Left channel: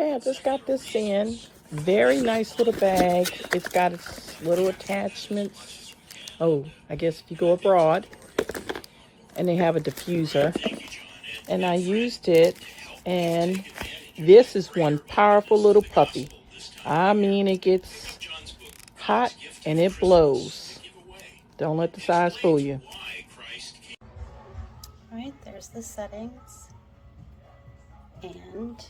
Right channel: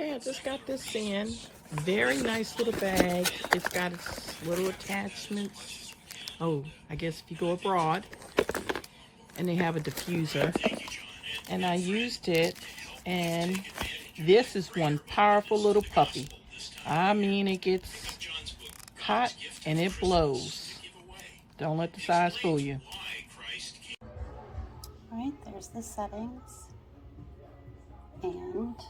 Okay, I just got this in. Very nice little bag. It's got its little attachments. Oh, I guess if you go abroad. And they have a diffuser. And I used it, and this is one powerful little puppy. I mean, it gets hot and it blows. Don't let the size fool you. All right, there's the settings. And